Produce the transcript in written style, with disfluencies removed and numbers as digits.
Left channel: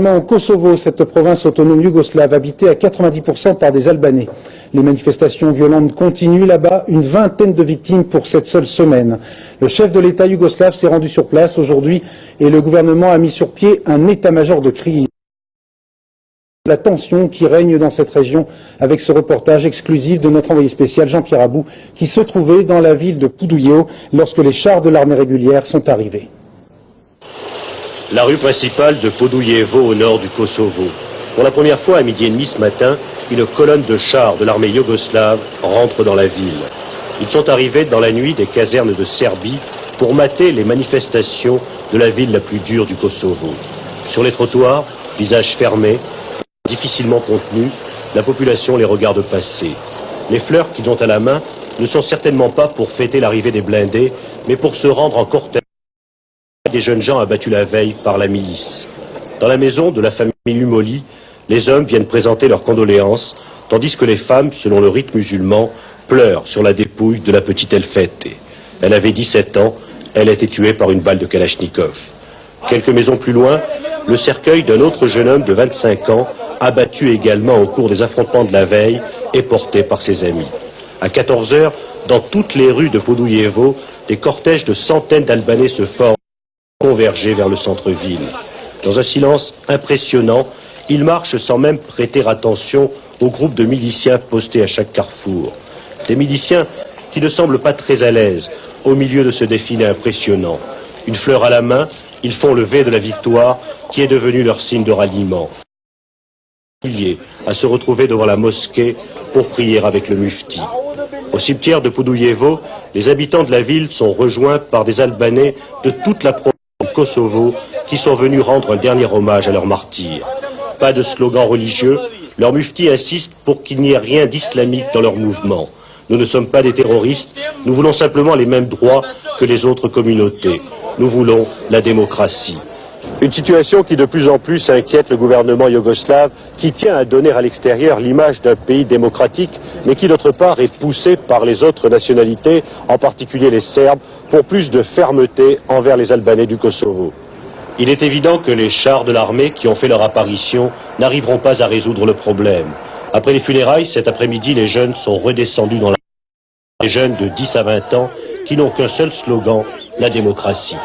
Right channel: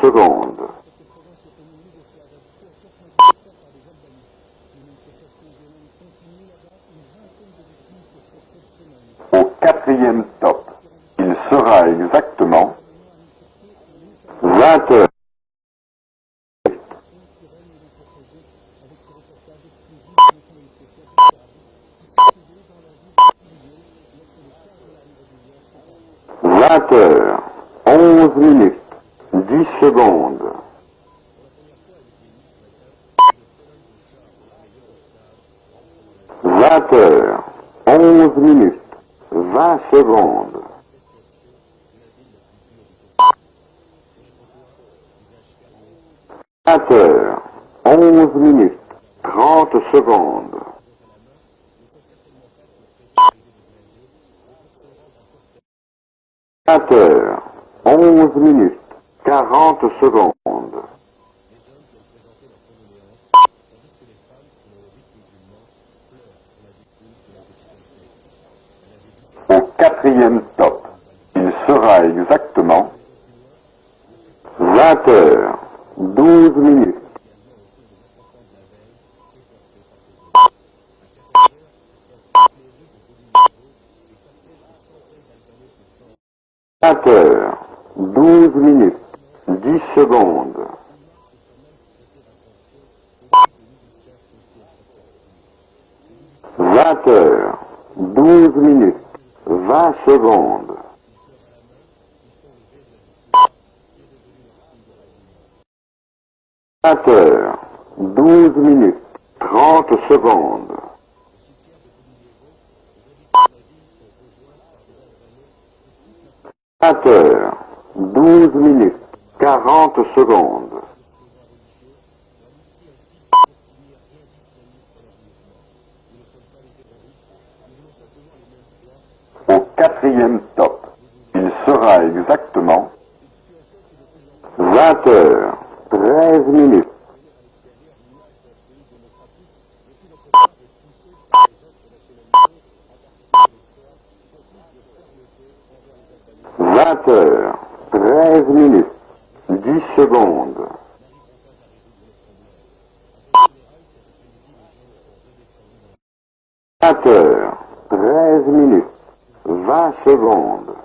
Au Kosovo, cette province autonome yougoslave habitée à 90% par des Albanais. Les manifestations violentes continuent là-bas, une vingtaine de victimes pour cette seule semaine. Le chef de l'État yougoslave s'est rendu sur place aujourd'hui et le gouvernement a mis sur pied un état-major de crise. La tension qui règne dans cette région avec ce reportage exclusif de notre envoyé spécial Jean-Pierre Abou qui se trouvait dans la ville de Poudouilleo lorsque les chars de l'armée régulière sont arrivés. La rue principale de Podujevo au nord du Kosovo. Pour la première fois à midi et demi ce matin, une colonne de chars de l'armée yougoslave rentre dans la ville. Ils sont arrivés dans la nuit des casernes de Serbie pour mater les manifestations de la ville la plus dure du Kosovo. Sur les trottoirs, visages fermés, difficilement contenus, la population les regarde passer. Les fleurs qu'ils ont à la main ne sont certainement pas pour fêter l'arrivée des blindés, mais pour se rendre en cortège. Les jeunes gens abattus la veille par la milice. Dans la maison de la famille Lumoli, les hommes viennent présenter leurs condoléances, tandis que les femmes, selon le rite musulman, pleurent sur la dépouille de la petite Elfete. Elle avait 17 ans, elle a été tuée par une balle de Kalachnikov. Quelques maisons plus loin, le cercueil d'un autre jeune homme de 25 ans, abattu également au cours des affrontements de la veille, est porté par ses amis. À 14 heures, dans toutes les rues de Podujevo, des cortèges de centaines d'Albanais se forment, convergés vers le centre-ville. Dans un silence impressionnant, ils marchent sans même prêter attention aux groupes de miliciens postés à chaque carrefour. Des miliciens qui ne semblent pas très à l'aise au milieu de ce défilé impressionnant. Une fleur à la main, ils font le V de la victoire qui est devenu leur signe de ralliement. À se retrouver devant la mosquée pour prier avec le mufti. Au cimetière de Podujevo, les habitants de la ville sont rejoints par des Albanais de toute la province du Kosovo qui sont venus rendre un dernier hommage à leurs martyrs. Pas de slogan religieux, leur mufti insiste pour qu'il n'y ait rien d'islamique dans leur mouvement. Nous ne sommes pas des terroristes, nous voulons simplement les mêmes droits que les autres communautés. Nous voulons la démocratie. Une situation qui de plus en plus inquiète le gouvernement yougoslave, qui tient à donner à l'extérieur l'image d'un pays démocratique, mais qui d'autre part est poussé par les autres nationalités, en particulier les Serbes, pour plus de fermeté envers les Albanais du Kosovo. Il est évident que les chars de l'armée qui ont fait leur apparition n'arriveront pas à résoudre le problème. Après les funérailles, cet après-midi, les jeunes sont redescendus dans la rue. Des jeunes de 10 à 20 ans qui n'ont qu'un seul slogan, la démocratie.